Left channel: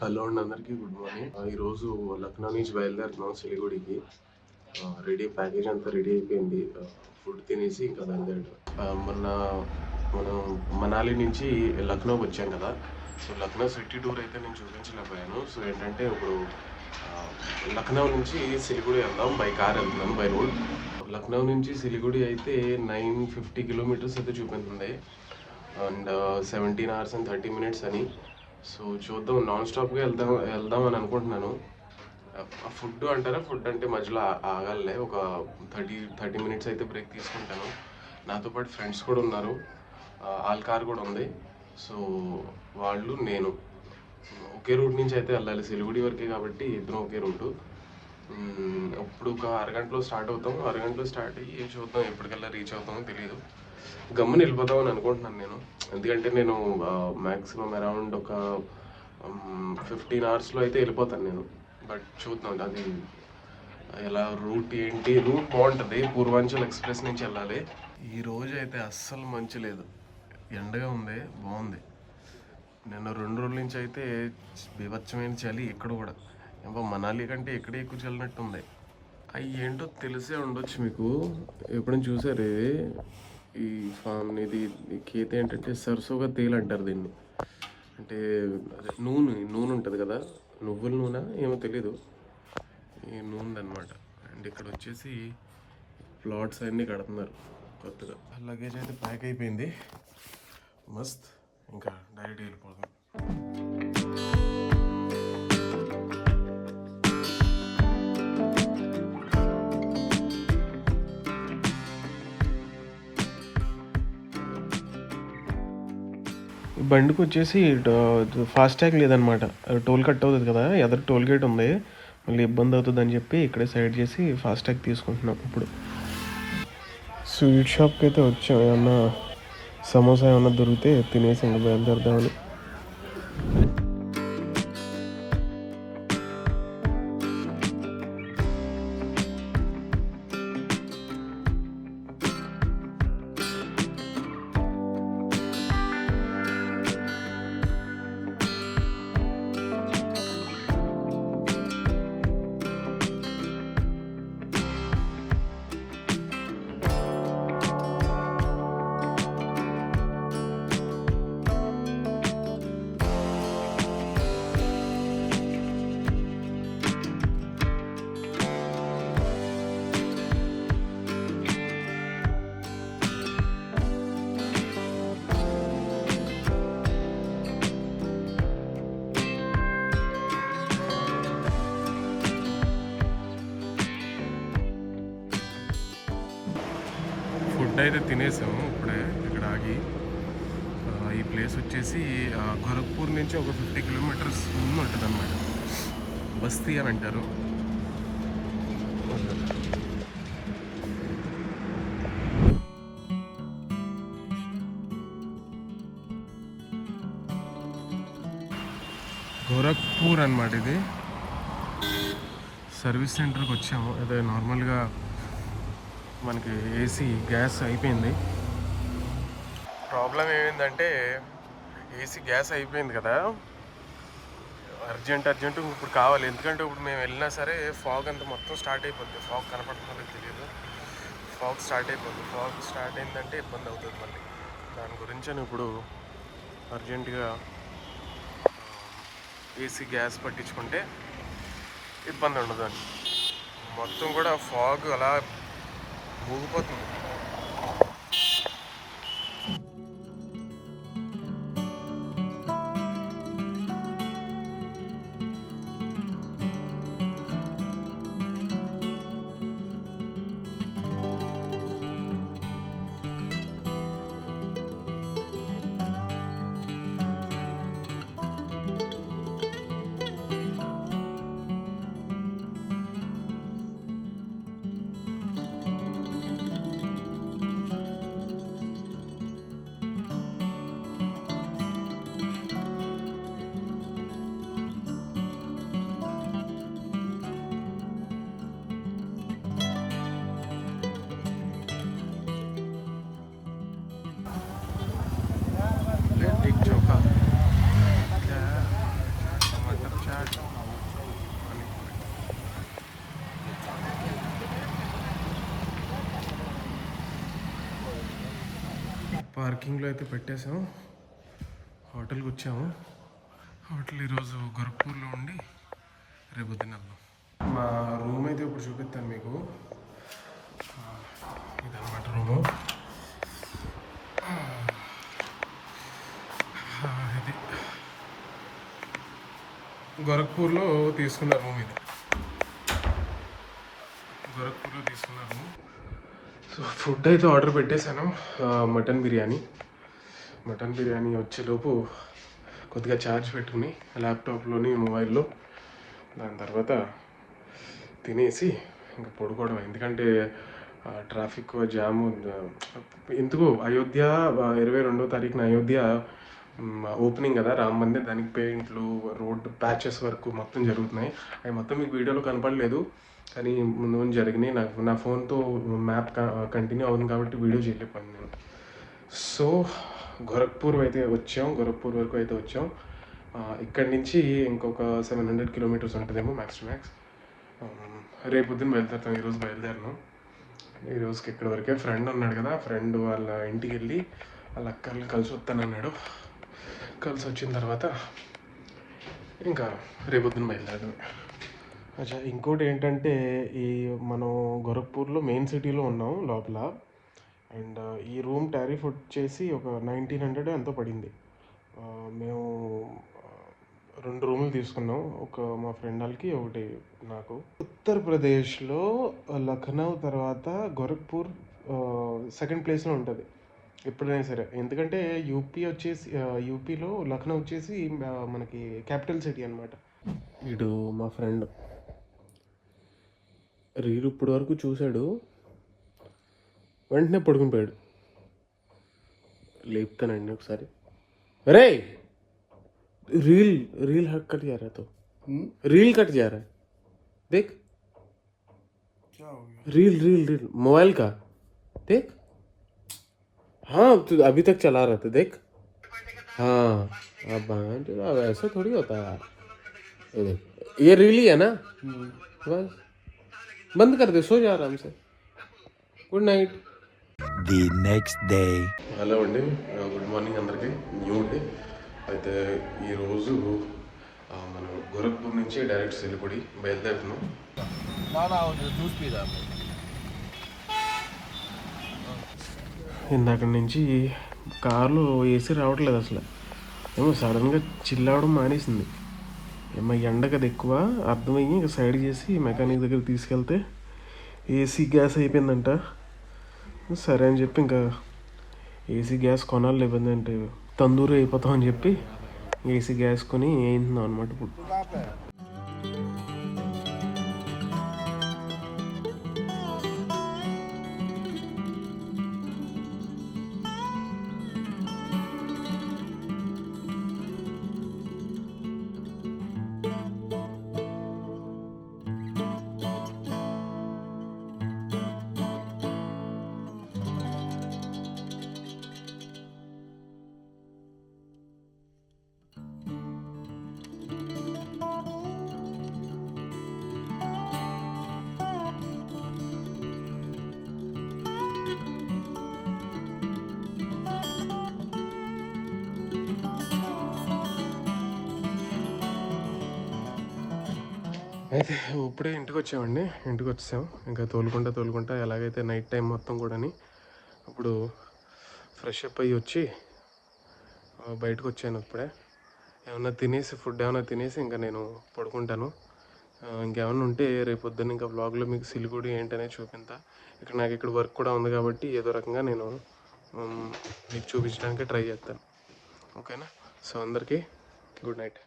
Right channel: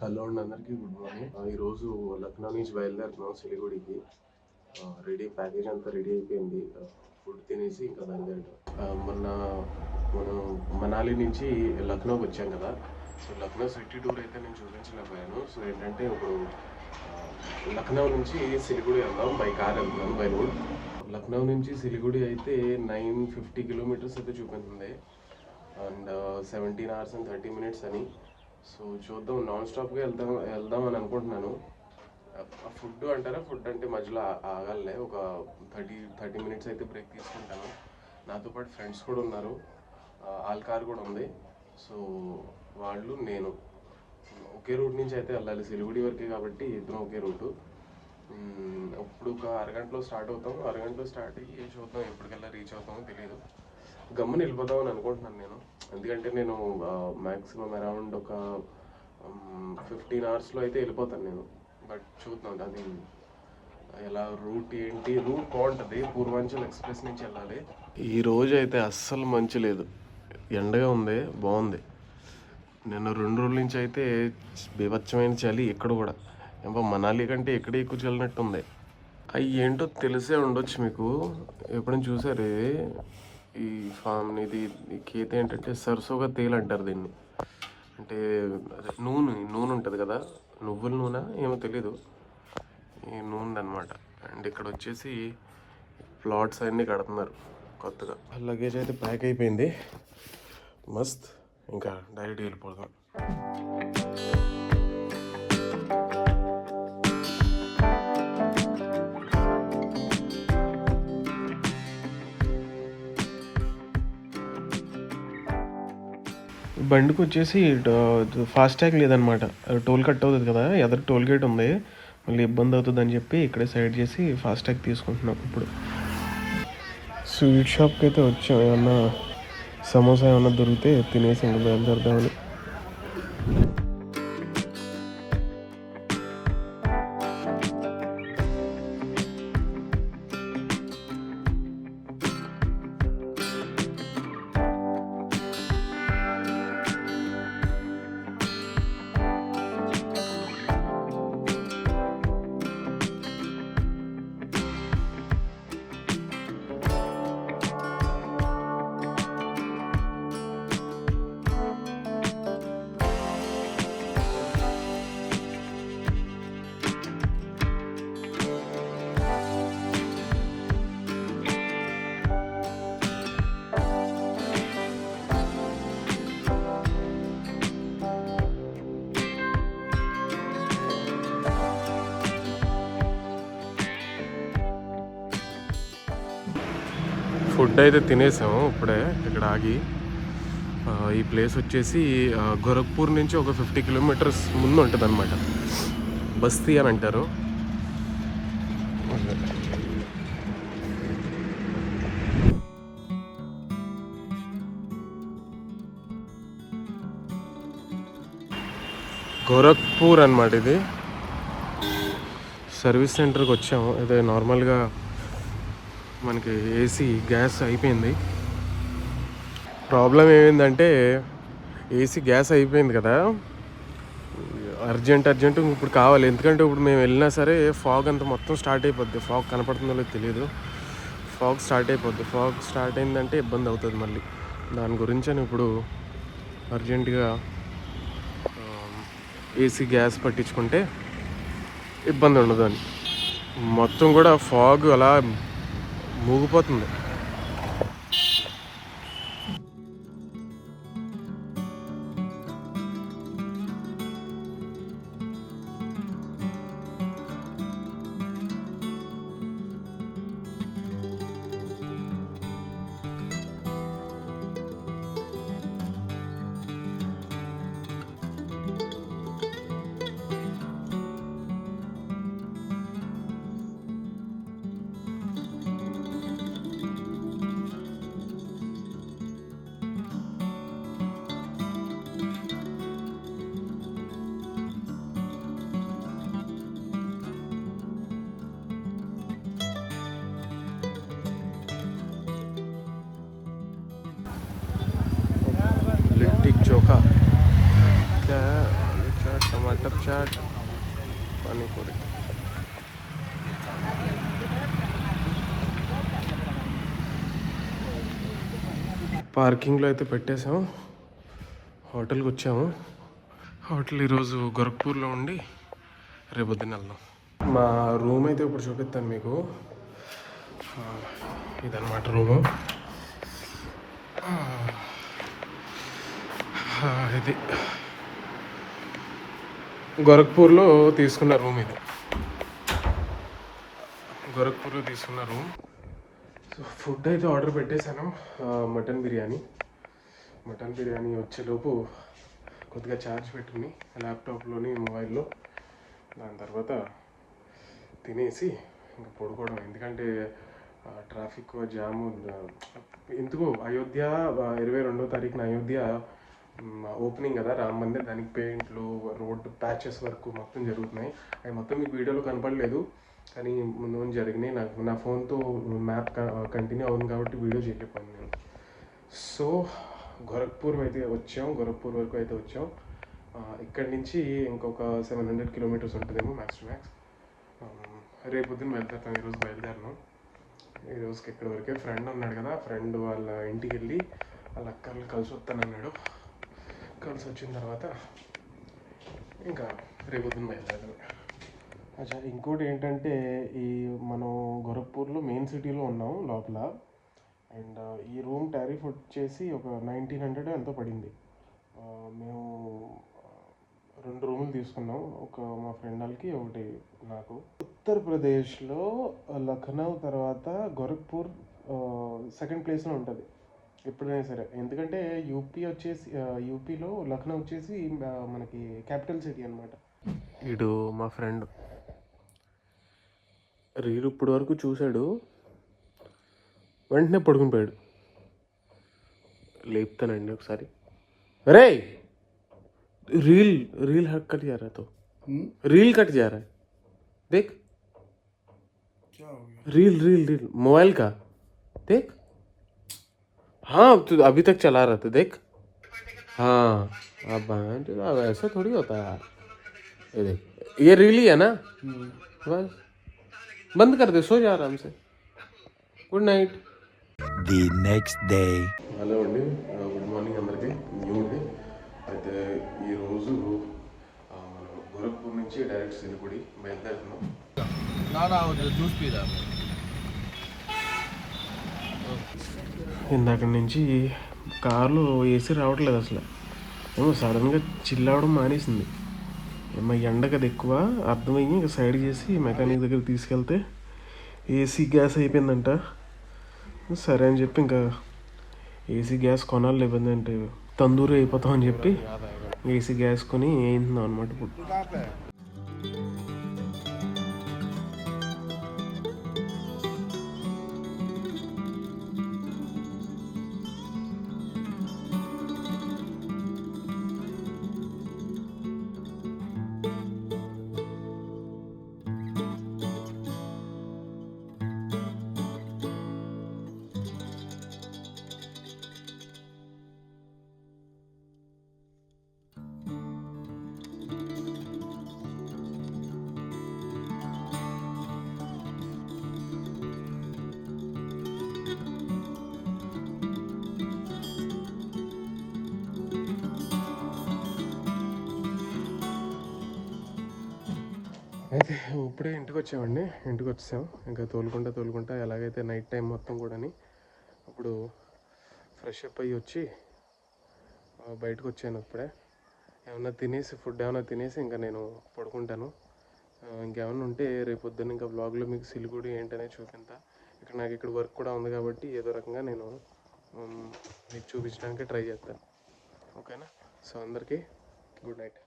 Hello అండి, అందరికీ good morning. ఈరోజు లక్నో నుంచి బయలుదేరుతున్నాం సిలిగుడికి. రెడీ ప్యాకేజ్ అంతా రెడీ అయిపోయింది. ఫుడ్ తినేసి ఇంకా బయలుదేరడం. మొన్న మనం మనాలి నుంచి లక్నోకి వచ్చాం కదా. సో లక్నో సిటీ టూర్ అయితే నేను చూపించలేకపోయాను. సో ఏంటంటే ఇప్పుడు లక్నో నుంచి సిలిగుడి వెళ్దాం. బై కార్ వెళ్తున్నాను, బై రోడ్. లక్నో నుంచి సిలిగుడి అయితే 950 కిలోమీటర్స్ అయితే చూపిస్తుంది. అండ్ 17 hours and 30 minutes అని. సో చూద్దాం, నాన్ స్టాప్గా వెళ్దాం అని అనుకుంటున్నాను. ఫుడ్ అంటారా, ఫుడ్ అంటే మధ్యలో ఆగాలే. ఒక 30 minutes అయితే బ్రేక్ తీసుకుంటాను. నాతో పాటు ఫ్రెండ్స్ కూడా ఉన్నారు. వాళ్ళ కార్ కూడా ఉంది. సో వాళ్ళు నేను ఒకే రూట్ నుంచి అయితే వెళ్ళాలి. సిలిగుడి వరకే కాబట్టి ఇద్దరం ఒకే రూటు. ఇప్పుడు ఒక అరగంటలో స్టార్ట్ అవుతాం. అరగంటలో స్టార్ట్ అయ్యి చూద్దాం ఎప్పటికల్లా రీచ్ అవుతామో తెలియదు. గమ్మున వెళ్ళిపోతామని అనుకుంటున్నాను నేను. ఎందుకంటే నేను మ్యాక్సిమం అరౌండ్ ఒక 15 hours అయితే వెళ్ళిపోతాను నేను. బట్ చూద్దాం అది ఎలా, రూట్ ఏంటి. రూట్ బాగుంటుంది, పూర్వాంచల్ ఎక్స్ప్రెస్ నుంచి వెళ్ళాలి. ఈ రోజు అయితే అస్సలు మంచి లేదు, ఎండగా ఉంది, బాగుంది. నిన్న 2 రోజుల నుంచి అయితే బీభత్సమైన చలి. ఇక్కడ కూడా మనాలి కంటే ఇక్కడే ఎక్కువ చల్లినట్టు ఉంది. అవి ఏంటో తెలిసే ఉండొచ్చు మీకు, ఎప్పుడైనా చూసారు ఈ ఫామ్. ఇది ఖేత్ ఏంటంటే సరసోగా తేలు అంటారు దీన్ని. అంటే అదే నూనె ఉంటుంది కదా, నువ్వుల నూనె ఏమో తెలీదు, ఈ నూనె అనమాట. అండ్ ఇక్కడ వచ్చేసి ప్లాట్స్ అన్నీ కడుతున్నారు కొత్తగా. లగేజ్ అయితే ప్యాక్ అయిపోయింది, మస్త్. ఇంకా డైరెక్ట్ వెళ్ళిపోదాం. బండికి వచ్చేసి ఫాస్టాగ్ లేదనమాట. టోల్ కట్ అవుతుంది కదా, ఎదురు టోల్ గేట్ ఉంది, మళ్ళీ ఇబ్బంది అవుతుంది అని చెప్పి ఇక్కడే సైడ్ చేసి ఫాస్టాగ్ తీసుకుంటున్నాం. ఇప్పుడు స్వీట్ షాప్కి అయితే వచ్చాం. ఏమన్నా సమోసా ఏమన్నా దొరికితే తినేసి ఇంకా బయలుదేరదామని. ఫుడ్ అయితే తినేసాము ఇప్పుడే ఇక్కడ ఆగి. ఈ ప్లేస్ వచ్చేసి గోరఖ్పూర్ నుంచి ఒక 50 kilometers ముందు ఉంటుంది అనమాట. బస్తీ అని అంటారు. గోరఖ్పూర్ అనమాట ఇది. సర్వీస్ సెంటర్కి వచ్చాము. అదే నార్మల్గా మనకి ఏసీ గ్యాస్ అయిపోయింది. ప్రాబ్లం ఏమైందంటే ఏసీ గ్యాస్ అయిపోయింది కదా, అర్జెంట్ ఇప్పుడు కావాలి. ఎందుకంటే ఇప్పుడు మేము వెళ్ళినా సరే ఫాగ్ అంతా మొత్తం స్టార్ట్ అయిపోద్ది. ఫాగ్ కనపడుతుందో లేదో తెలియదు, ఫాగ్ స్టార్ట్ అయిపోద్ది. ఫాగ్ స్టార్ట్ అయిందంటే ఇబ్బంది అవుతుంది మళ్ళీ. దాని గురించి అని ఇప్పుడు అర్జెంటుగా ఏసీ గ్యాస్ పట్టించుకుంటే ఇబ్బంది ఉండదు అని. మొత్తం కూడా ఫాగ్ అలా మూగిపోతుంది. బటర్ చాట్, పానీపూరి. పార్కింగ్లో అయితే పెట్టేసాం, హోటల్కి వచ్చాము. హోటల్ ఈరోజు గోరఖ్పూర్లో ఉండి రేపొద్దున వెళ్దాం. మా రూమ్ అయితే ఇప్పుడు చూపిస్తాను మీకు. ఇదన్నమాట రూము. ఇది గోరఖ్పూర్లో తీసుకున్న రూమ్. ఇది గోరఖ్పూర్లో తీసుకున్న రూమ్. సో ఫుడ్ అయితే ఆర్డర్ పెట్టేశాను. మటన్ బిర్యానీ వచ్చేలోపు కొద్దిగా ఛార్జ్ పెట్టుకుని ల్యాప్టాప్లోని, మొబైల్లో, దాని తర్వాత తినేసి ఇంకా పడుకోవడం. ఎందుకంటే ట్రాఫిక్ జాము. ఎందుకు అయోధ్య 22వ తారీఖున అయోధ్య ఓపెనింగ్ కదా, రామ్ మందిర్. దానికి పెయింట్లు, రోడ్ ప్యాచెస్ వర్క్ మొత్తం జరుగుతున్నాయి. అవి మొత్తం మీకు వీడియోలో కనపడలేదు, కానీ ముందు ముందు జరిగినాయి. నా ఫోన్తో మ్యాప్ కంటిన్యూ అవుతుంది కాబట్టి వీడియో చేయలేకపోయాను నేను. సో గోరఖ్పూర్ వరకు అయితే వచ్చాం. ఇక్కడి నుంచి ఇంకొక 700 కిలోమీటర్స్ ఉంటుందేమో మ్యాక్స్ టు మ్యాక్స్. రేపొద్దున వెళ్తాం. ఈరోజు బయలుదేరినాం. ఈ రోజుకి ఇక్కడ వరకే. ఫ్రెండ్ ఉన్నాడు కదా, ఫ్రెండ్ వాళ్ళ ఇంటికి వెళ్ళి వాళ్ళ అక్కర్ని కలిసి వస్తానన్నాడు. కలిసి వచ్చిన తర్వాత ఇంకా రేపొద్దున బయలుదేరడమే. అచ్చా, ఇంకోటి ఏంటంటే మనం గోరఖ్పూర్లో మెయిన్ సిటీలో ఉన్నాం లోపల. అండ్ ఈ రూమ్ టారిఫ్ వచ్చేసి ఒక 1900 ఎంతో పడింది. మేము 2 రూములు తీసుకున్నాం, ఒక మా ఫ్రెండ్ వాళ్ళకి, ఒకటి నాకు. ఉత్తరప్రదేశ్లో లఖనౌ తర్వాత గోరఖ్పూర్ సెకండ్ ప్లేస్లో ఉంటుంది ఎప్పుడైనా సరే. ఎందుకంటే యూపీలో లఖనౌ వచ్చేసి మనకి క్యాపిటల్ సిటీ అనమాట. వీడు మా ఫ్రెండ్ రీల్ ఇప్పటి వరకు చూశాడు, వెంటనే పడుకుని పోయాడు. లేపుతానండి ఒకసారి. అరే रील कट जा रहा है, तो रील कट जा रहा है, देख। क्या हो गया? रील मोबाइल का देख। हाँ तो अभी तक चला रहा था, देख। हाँ अब ऐसा थोड़ी होता है यार। ये देख, ये रील ही है ना, बस बंद कर दे, सो जा आराम से। Good night. The next day. Hello అండి, గుడ్ మార్నింగ్ అందరికీ. New day. అయితే ఈరోజు మనం గోరఖ్పూర్ నుంచి డైరెక్ట్ సిలిగుడి బయలుదేరుతున్నాం. ఇందాక నుంచి కార్లో ఏసీ రావట్లేదు అసలు. ఏమో సడన్గా చిల్ అవ్వడం మానేసింది. ఏమో ఎండ కదా ఎక్కువ, అర్థమయ్యి ఇంకా సైడ్ చేసి మెకానిక్ దగ్గర తీసుకెళ్తే ఏసీ గ్యాస్ అయిపోయిందంట. సరే అని చెప్పి ఇంకా ఏసీ గ్యాస్ కొనాలి, లేకపోతే అంటే తందూరి అయిపోతాం అని చెప్పి ఏసీ గ్యాస్ కొని వేయించున్నాం అనమాట ఇప్పుడు. అయితే ఇప్పుడే ఇంటికి వచ్చామండి. ఇంటికి వచ్చాం. ఇంకా తోలుకుంటా ఎలాగైతే నైట్ టైం మొత్తం కూడాని అప్పుడు ఫ్రెష్ అప్ అయ్యి వచ్చి బయటకు వచ్చాను. ఇప్పుడే ఫుడ్ ఏమైనా తినేసి ఇంకా నేను పడుకుంటాను. ఇంకేమైనా ఉంటే రేపు పొద్దున్న ఇంకా వ్లాగ్లో మీకు సిలిగుడి ఏంటనే చూపిస్తా. నాకు ఇక్కడ వర్క్ కూడా ఉంది కాబట్టి ఏదో రకంగా నేను మీకు చూపించడానికి ట్రై చేస్తాను. ఓకేనా? సో అందరికీ గుడ్ నైట్.